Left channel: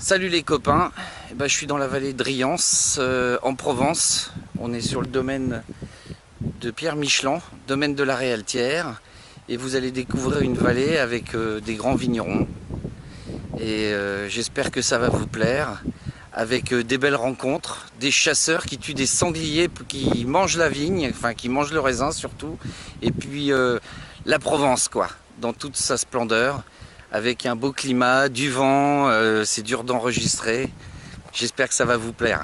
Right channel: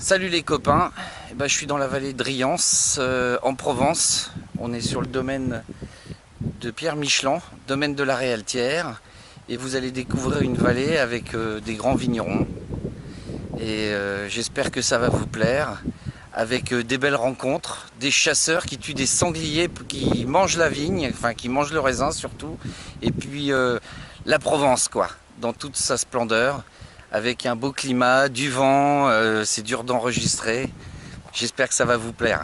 Salut les copains, je suis dans la vallée de Riance, en Provence. On est sur le domaine de Pierre Michelan, domaine de la Réaltière. Et vous allez découvrir une vallée avec des grands vignerons. Et j'espère que ça va vous plaire. Avec des belles rencontres, des chasseurs qui tuent des sangliers, qui mangent la vigne, enfin qui mangent le raisin surtout. Et puis la Provence quoi, dans toute sa splendeur. Avec un beau climat, du vent, c'est dur d'enregistrer. J'espère que ça va vous plaire.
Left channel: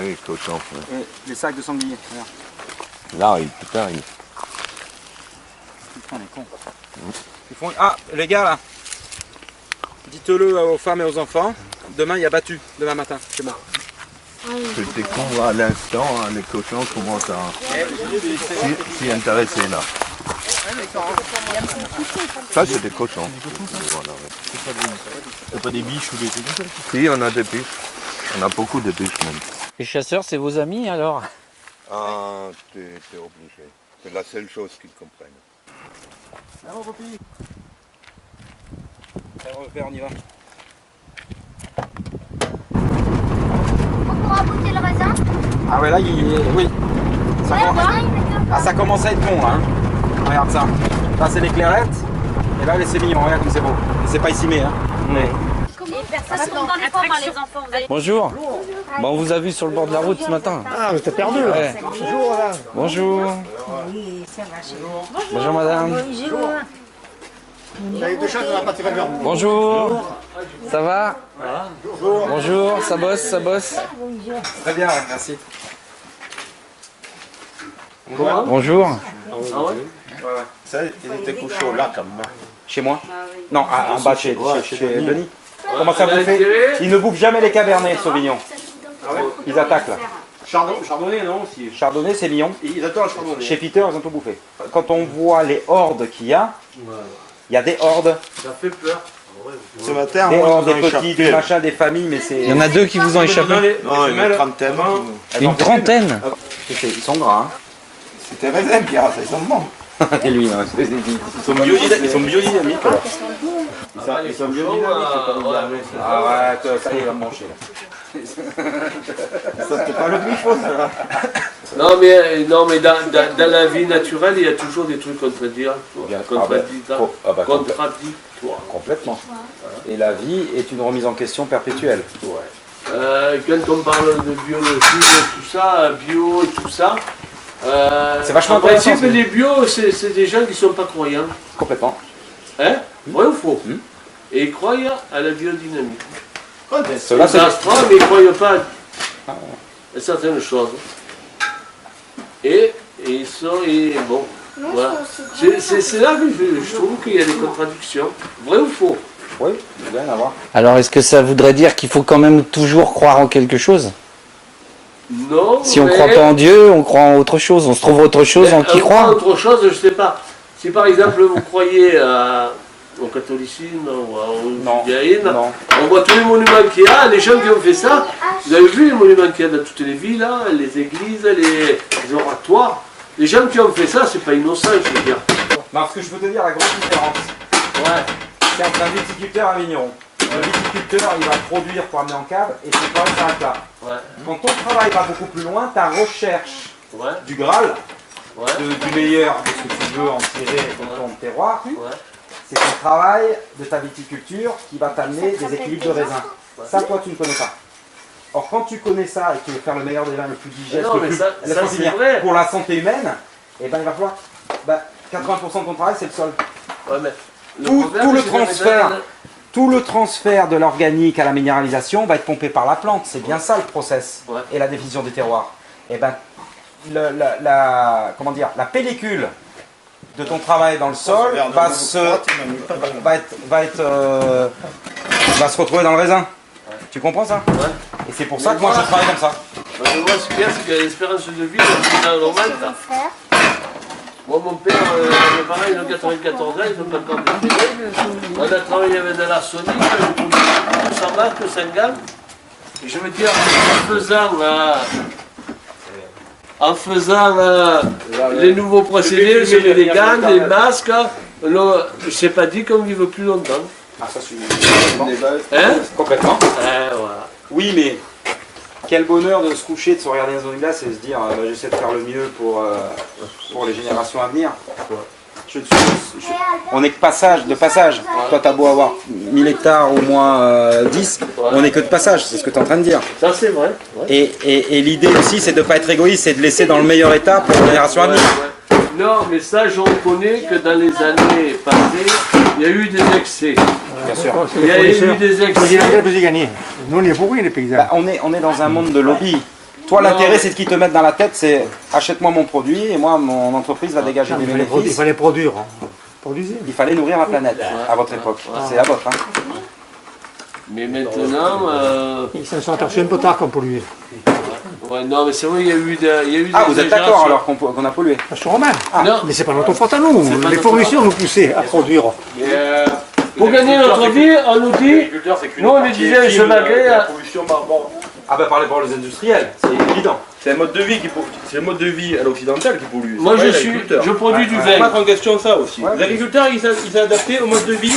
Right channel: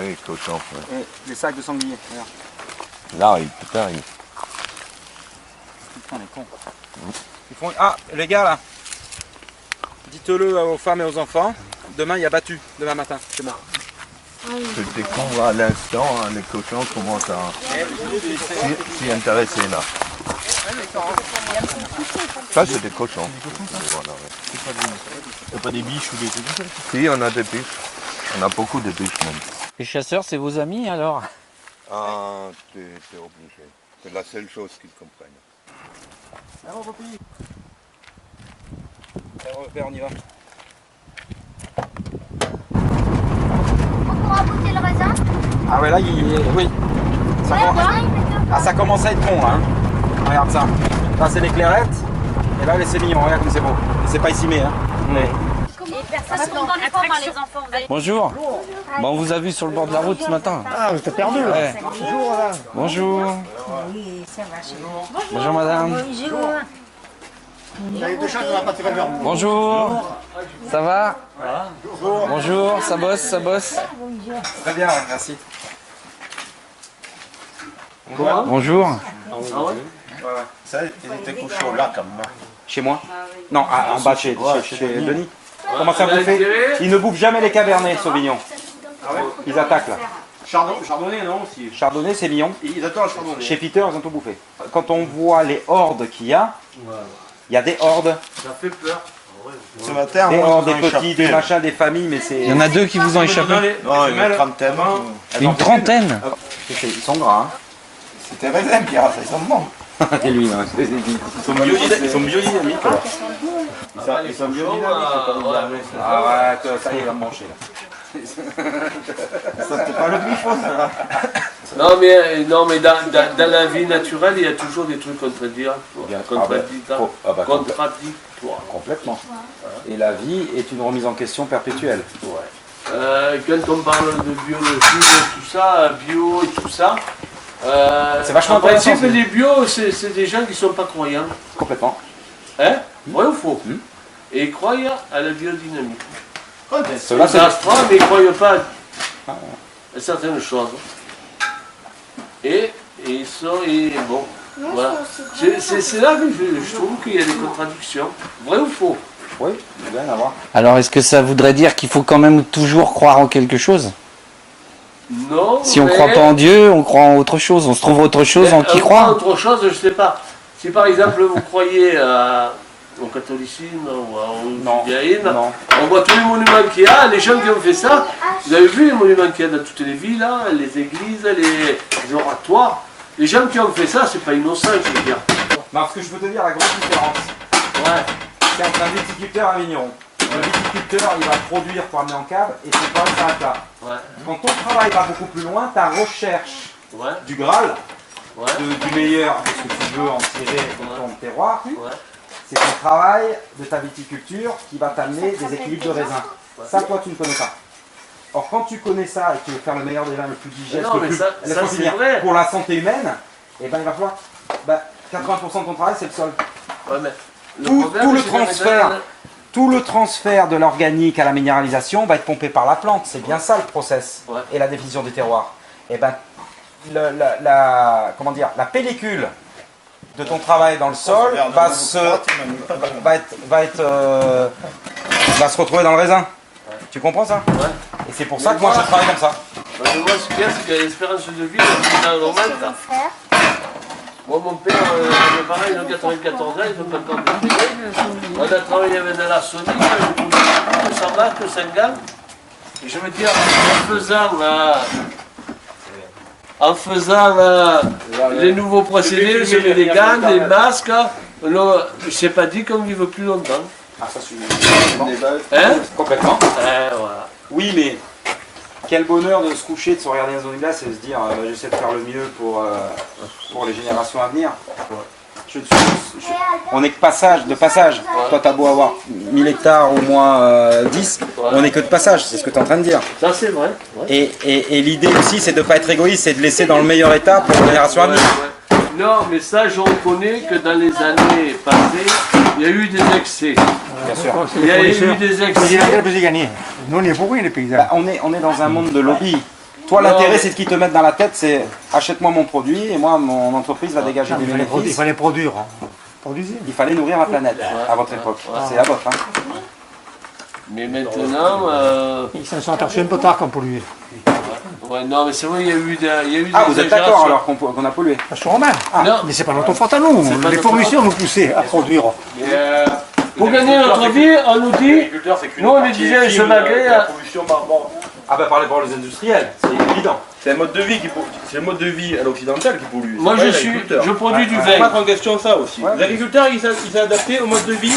Oui, cochon. Les sacs de sanglier. Là, putain, il... Putain, les cons. Ils font... Ah, les gars là, dites-le aux femmes et aux enfants. Demain, il y a battu, demain matin, chez moi. C'était con à l'instant, hein, les cochons commencent à s'y intéresser là. Ça, c'est des cochons. Voilà, ouais. C'est pas des biches ou des trucs comme ça? Si, on a des biches. On a beaucoup de biches même. Les chasseurs, c'est vos amis alors? Ah, t'es obligé. C'est la seule chose qu'ils comprennent. Alors, Popi. Alors, père, on y va. On pourra goûter le raisin. Ah ouais, là, oui. Ça commence à être bon, hein. Regarde ça. Ça, c'est les clairettes. Et là, c'est mignon, regarde comme c'est beau. C'est pas ici, mais hein. Personne ne tombe dans les pommes, hein, les enfants. Vous allez... Bonjour. Bon, on vous a vu sur le bord de la route ce matin. Ah, t'es perdu là. Ouais. Bonjour madame. Bonjour. Bonjour madame. Vous avez deux chats dans la pâtisserie de viande. Bonjour. Ça va? Bonjour, ça bosse, ça bosse. Très bien, ouais, merci. Bonjour. Ça, il était couché au lac quand même. Chez moi? Non, en bas chez Denis. Comment ça bouffer? Ils ne bouffent jamais les cabernets, Sauvignon. Ils attaquent là. Chardonnay, non aussi. Chardonnay, c'est mignon. Ils adorent le chardonnay. Chez Peter, ils ont tout bouffé. Quand on voit les hordes qu'il y a des hordes. Ça fait peur. Ce matin, Des moi, hordes, ils des ont petits, échappé. des machins, des familles, mais c'est... Il y en a deux qui vous ont échappé. Non, une trentaine. Une trentaine. Ils sont gras, C'était raisin, Pierre, ça, ils sont bons. hein. Et lui, hein. Ils sont biodynamiques. Ils sont biodynamiques. Ah ouais, ça y est, il va me manger là. Ça, c'était pas le glyphosate, ça. Non mais dans la vie naturelle, il y a toujours des trucs contradictoires. Contradictoires. Complètement. Et la vie est une remise en question perpétuelle. Quand on parle de biologie, de tout ça, bio et tout ça, C'est vachement en principe, intéressant, les bio, c'est des gens qui ne sont pas croyants. Complètement. Hein? Vrai ou faux? Hmm. Et ils croient à la biodynamique. Cela, Les astronomes, mais ils ne croient pas à certaines choses. Et ils sont... bon, voilà. C'est là que je trouve qu'il y a des contradictions. Vrai ou faux? Oui, il doit y en avoir. Alors, est-ce que ça voudrait dire qu'il faut quand même toujours croire en quelque chose? Non. Si on ne mais- croit pas en Dieu, on croit en autre chose. On se trouve autre chose en qui croire. Autre chose, je ne sais pas. Si par exemple vous croyez au catholicisme ou au judaïsme, Non. on voit tous les monuments qu'il y a, les gens qui ont fait ça, vous avez vu les monuments qu'il y a dans toutes les villes, hein, les églises, les oratoires. Les gens qui ont fait ça, c'est pas innocent, je veux dire. Non, ce que je peux te dire, la grande différence, Ouais. c'est entre un viticulteur et un vigneron. le viticulteur, il va produire pour amener en cave et son travail s'arrête là. Ouais. Quand ton travail va beaucoup plus loin, ta recherche Ouais. du Graal, Ouais. du meilleur, de ce que tu veux en tirer de ton terroir, Ouais. c'est ton travail de ta viticulture qui va t'amener des équilibres de raisin. Ça, toi, tu ne connais pas. Or, quand tu connais ça et que tu veux faire le meilleur des vins, le plus digeste, Non, le mais plus, ça, laisse-moi c'est finir, vrai. pour la santé humaine, et ben il va falloir 80% de ton travail, c'est le sol. Ouais, mais Tout problème, le c'est que transfert. maintenant, Tout le transfert de l'organique à la minéralisation va être pompé par la plante. C'est bien ça le process Ouais. et la définition des terroirs. Et ben, comment dire, la pellicule de ton travail dans le sol va se retrouver dans le raisin. Tu comprends ça? Ouais. Et c'est pour ça que moi je travaille comme ça. Ouais, moi, ce qu'il y a, c'est que l'espérance de vie, c'est normal. Moi, mon père, mes parents, ils ont 94 ans, ils ont pas le temps de travailler. On a travaillé avec de l'arsenic, que ça va, que ça gagne. Et je veux dire, en faisant les nouveaux procédés, sur les gants, les masques, je sais pas dit qu'on vive plus longtemps. Ah, ça c'est Hein? complètement. Voilà. Oui, mais quel bonheur de se coucher, de se regarder dans une glace et de se dire j'essaie de faire le mieux pour les générations à venir. On n'est que de passage. Toi, tu as beau avoir 1000 hectares ou moins 10, on n'est que de passage, c'est ce que tu es en train de dire. Ça, c'est vrai. Ouais. Et l'idée aussi, c'est de ne pas être égoïste, c'est de laisser dans le meilleur état pour les générations à venir. Ouais. Non, mais ça, je reconnais que dans les années passées, il y a eu des excès. Bien sûr. Il y a eu des excès. Nous, on est pourris, les paysans. Bah, on est dans un monde de lobby. Toi, l'intérêt, c'est de qu'ils te mettent dans la tête, c'est achète-moi mon produit et moi, mon entreprise va dégager des Il bénéfices. fallait produire. Hein. Produisez. Il fallait nourrir la planète à votre époque. C'est la vôtre. Hein. Mais maintenant, Ils se sont aperçus un peu tard qu'on polluait. ouais, non, mais c'est vrai, il y a eu des Ah, vous êtes d'accord exagérations. alors qu'on a pollué? Je suis romain. Non. Mais c'est pas notre faute à nous. C'est pas Les notre fournisseurs nous poussaient à produire. Mais, pour gagner notre vie, on nous dit, nous on nous disait je m'agrée à... Ah bah par les industriels, c'est évident. C'est un mode de vie c'est le mode de vie à l'occidental qui pollue. Moi C'est pas je produis du Il faut vin. mettre en question ça aussi. Les agriculteurs, ils s'est adapté au mode de vie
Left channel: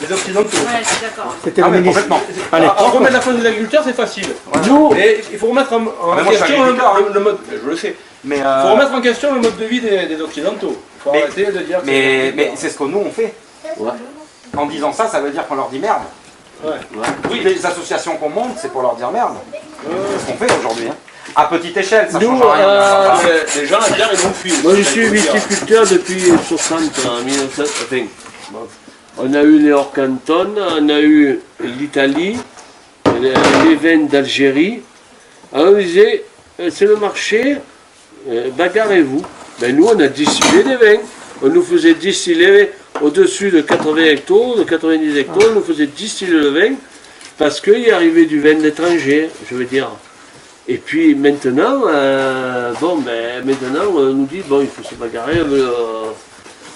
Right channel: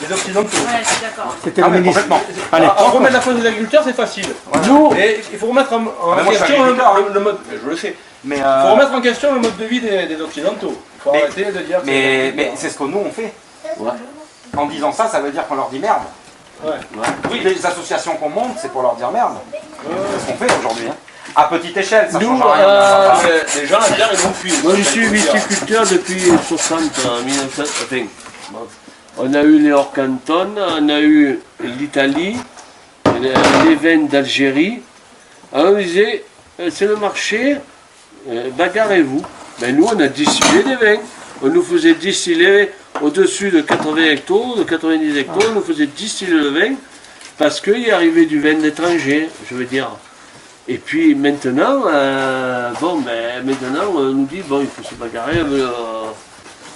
des occidentaux. Ouais, je suis d'accord. C'était Ah le mais ministre. complètement. Allez, Remettre la faute des agriculteurs, c'est facile. Nous, Et il faut remettre en mais moi, je suis question agriculteur, le mode. Je le sais. Mais, Il faut remettre en question le mode de vie des occidentaux. Il faut Mais- arrêter de dire. que mais c'est ce que nous on fait. Ouais. En disant ça, ça veut dire qu'on leur dit merde. Ouais. Oui, les associations qu'on monte, c'est pour leur dire merde. C'est ce qu'on fait aujourd'hui. Hein. À petite échelle, ça Nous, change rien. Les gens, à dire, ils vont fuir. moi je suis viticulteur depuis 60 ans, 1900, enfin, bon. On a eu les Orcantons, on a eu l'Italie, les vins d'Algérie. Alors on disait, c'est le marché, bagarrez-vous. Ben nous on a distillé des vins. On nous faisait distiller au-dessus de 80 hectares, de 90 hectares, on nous faisait distiller le vin parce qu'il arrivait du vin d'étranger, je veux dire. Et puis maintenant, maintenant on nous dit, bon, il faut se bagarrer.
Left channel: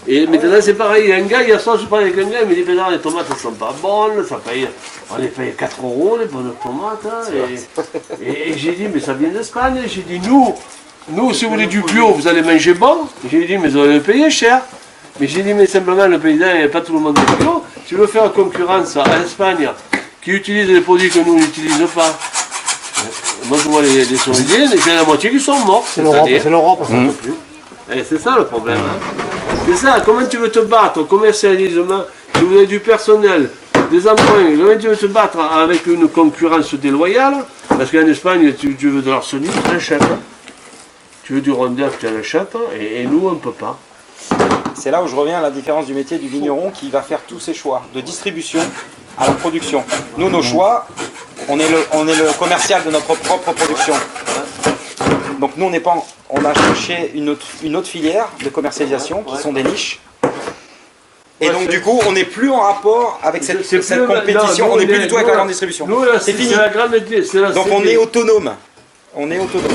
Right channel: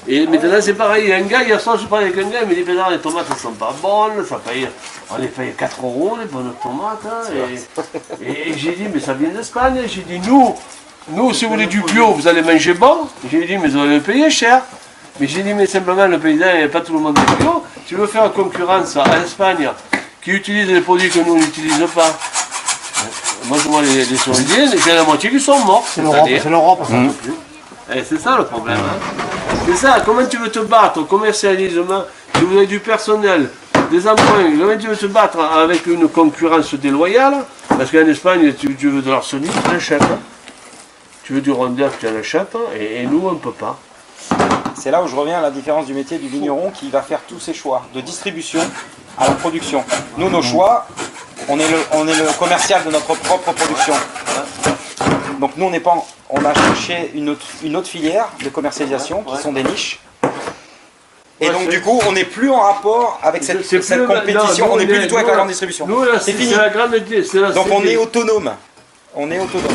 Et maintenant c'est pareil, il y a un gars, hier soir je parlais avec un gars, il me dit, mais non, les tomates elles sont pas bonnes, ça paye, on les paye 4 € les bonnes tomates. Hein, et j'ai dit, mais ça vient d'Espagne. J'ai dit, nous si vous voulez du bio, vous allez manger bon. J'ai dit, mais vous allez le payer cher. Mais j'ai dit, mais simplement, le paysan, il n'y a pas tout le monde de bio. Tu veux faire concurrence à l'Espagne, qui utilise des produits que nous n'utilisons pas. Moi, je vois les Saoudiens, j'ai la moitié qui sont morts. C'est l'Europe, ça ne peut plus. Et c'est ça le problème. Hein. C'est ça, comment tu veux te battre au commercialisement, tu veux du personnel, des emprunts, comment tu veux te battre avec une concurrence déloyale, parce qu'en Espagne, tu veux de l'arsenic, tu l'achètes. Tu veux du rondeur, tu l'achètes, et nous, on ne peut pas. C'est là où je reviens à la différence du métier du vigneron qui va faire tous ses choix, de distribution à la production. Nous, nos choix, on est le commercial de notre propre production. Donc nous, on a cherché une autre filière de commercialisation qui sont des niches. Et donc du coup, on n'est plus en rapport avec cette compétition, non, on n'est plus du tout avec la grande distribution. Nous, là, C'est fini. la grande, Donc on est autonome. On est autonome.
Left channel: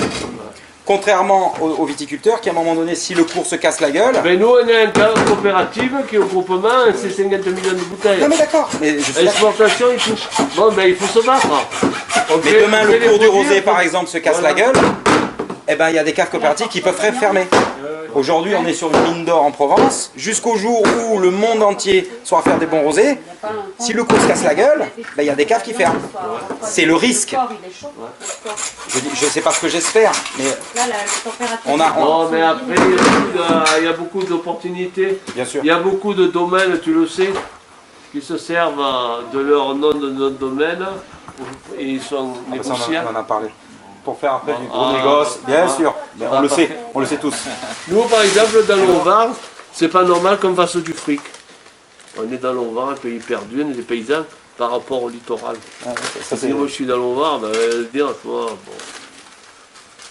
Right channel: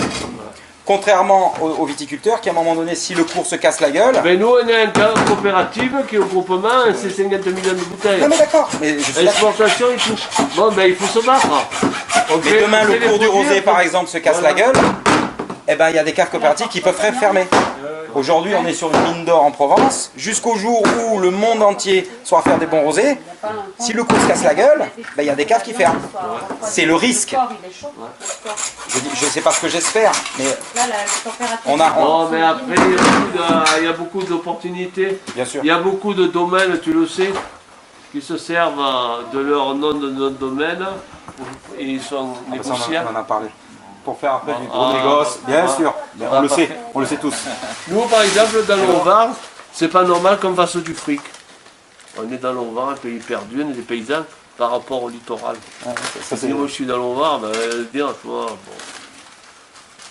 Contrairement aux viticulteurs qui, à un moment donné, si le cours se casse la gueule... Ben nous, on est une coopérative qui, au groupement, c'est 50 millions de bouteilles. Non mais d'accord, mais je suis d'accord. L'exportation, il faut se battre. Mais demain, le cours du rosé, par exemple, se casse la gueule, eh ben, il y a des caves coopératives qui peuvent fermer. Aujourd'hui, on est sur une mine d'or en Provence. Jusqu'au jour où le monde entier soit à faire des bons rosés, si le coup se casse la gueule, ben, il y a des caves qui ferment. C'est le risque. Je ne sais pas ce que j'espère, mais on a... Non, mais après, il y a beaucoup d'opportunités. Bien sûr. Il y a beaucoup de domaines, tu le sais, qui se servent de leur nom de notre domaine et ils sont négociables. On en a parlé. Pour faire après du gros négoce, bien sûr. On le sait tous. Nous, par exemple, dans l'Onvar, c'est pas normal qu'on fasse du fric. On est dans l'Onvar, un pays perdu, on est des paysans par rapport au littoral. Si moi je suis dans l'Onvar, ben, dire, toi, bon,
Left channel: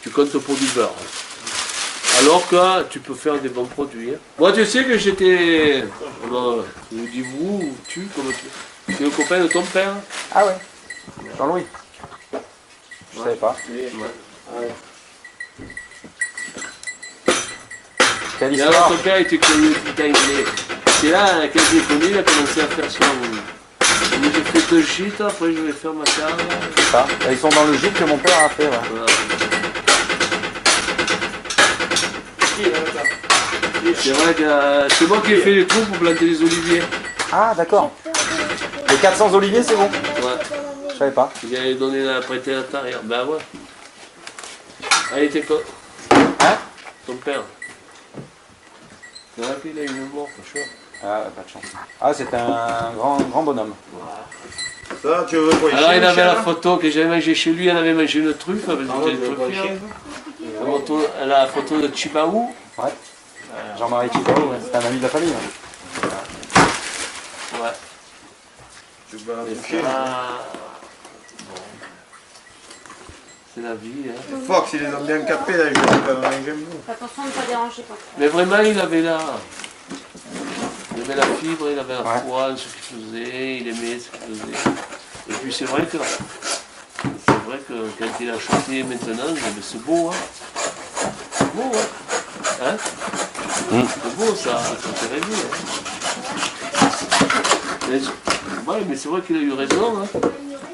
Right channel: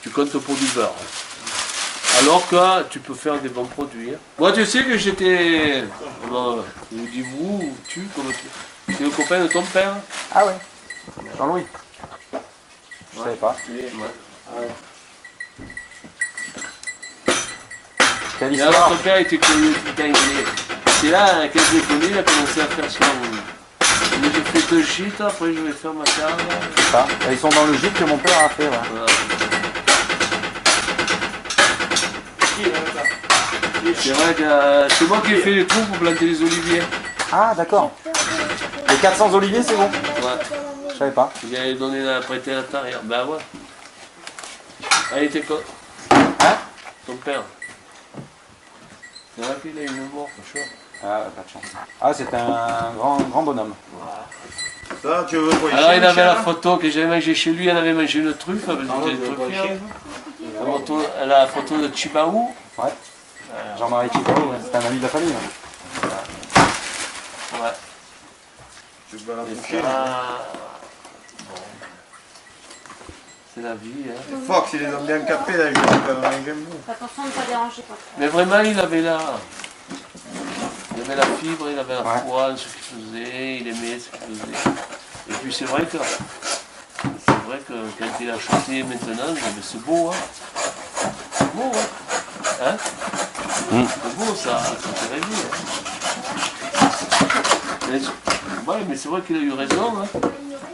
tu comptes pour du beurre. Alors que tu peux faire des bons produits. Hein. Moi, tu sais que j'étais. Non, je vous dis vous ou tu, comment tu. C'est le copain de ton père. Ah ouais. Jean-Louis. Je savais pas. Quelle Et alors, histoire. ton père était connu, putain, c'est là qu'elle s'est connue, il a commencé à faire son. Moi, j'ai fait 2 gîtes, après je vais faire ma carte. C'est ça. Ils sont dans le gîte que mon père a fait. Ouais. C'est vrai que c'est moi qui ai fait les trous pour planter les oliviers. Ah d'accord. Les 400 oliviers, c'est bon. Ouais. Je savais pas. Il avait donné la prêté à l'intérieur. Ben ouais. Ah, il était quoi? Hein? Ton père. C'est vrai qu'il a une mort, franchement. Ah, pas de chance. Ah, c'est un grand bonhomme. Ça, tu veux quoi? Alors il avait la photo que j'avais mangé chez lui, elle avait mangé une truffe, parce que j'étais truffier. La photo de Chibaou. Ouais. Jean-Marie Chicao, ouais. C'est un ami de la famille. Ouais. Ouais. Tu vas la Et toucher. ça, bon. C'est la vie. Hein. Fox, ils les ont bien capés là, je sais pas manger un bout. Attention de ne pas déranger quand Mais vraiment, il avait la fibre, il avait la Ouais. foi en ce qu'il faisait, il aimait ce qu'il faisait. Et puis c'est vrai que quand il a chanté maintenant, c'est beau, hein. C'est beau, hein. C'est beau ça fait rêver. Hein. Ouais, mais c'est vrai qu'il a eu raison hein,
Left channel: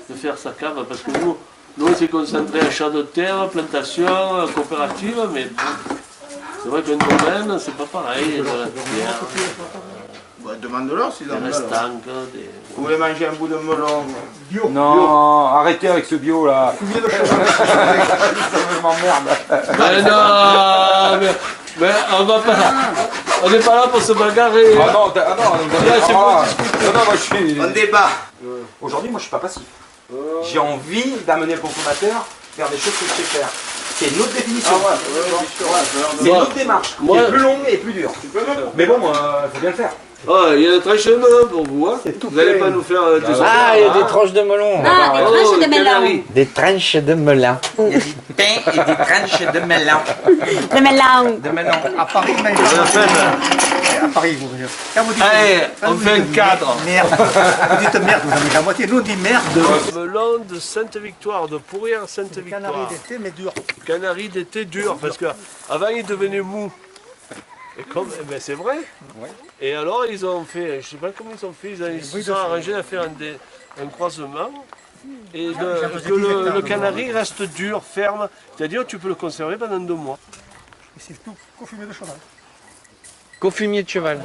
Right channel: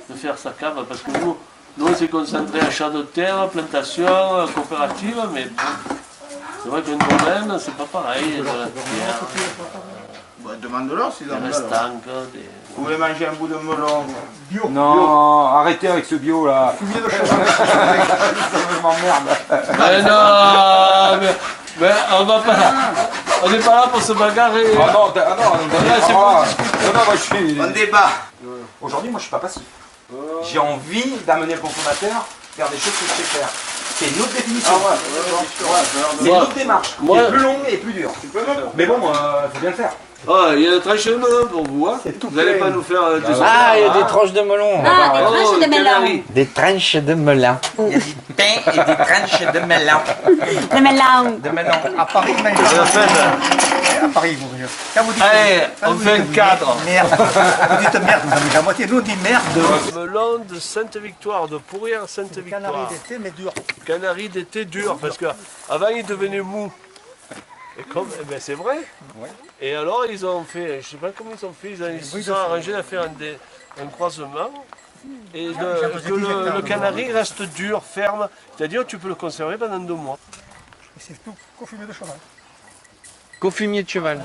de faire sa cave, parce que nous on s'est concentré à achat de terre, plantation, coopérative, mais bon, c'est vrai qu'un domaine, c'est pas pareil. De la terre, Bah, demande-leur s'ils des en veulent. restants, des... Vous voulez manger un bout de melon? Non, arrêtez avec ce bio là. Ça m'emmerde. Mais non, mais on va pas. On n'est pas là pour se bagarrer. Ah non, c'est moi je suis. On débat. Aujourd'hui, moi je suis pas passif. J'ai envie d'amener le consommateur vers des choses que je sais faire. C'est une autre définition. C'est une autre démarche. Moi- C'est plus longue et plus dure. Mais bon, il faut bien le faire. Ah, il y a des tranches de melon pour vous. Hein. Vous n'allez pas nous faire des Ah, il y a des tranches de melon. Ah, des tranches de melon. canari. Des tranches de melon. Il y a des pains et des tranches de melon. De melon. De melon. À Paris, mais à Paris, vous voyez. Quand vous dites Allez, on fait un cadre. merde, vous dites merde, vous en dites la moitié. Nous, on dit merde. Melon de Sainte-Victoire, de Pourrières Sainte-Victoire. Canari d'été, mais dur. Canari d'été dur, parce qu'avant il devenait mou. Et comme, eh ben, c'est vrai. Et alors ils ont fait, je sais pas comment ils ont fait, ils se sont arrangés à faire un croisement. Et que le canari reste dur, ferme, c'est-à-dire tu peux le conserver pendant 2 mois. C'est tout confumé de cheval. Cofumier de cheval.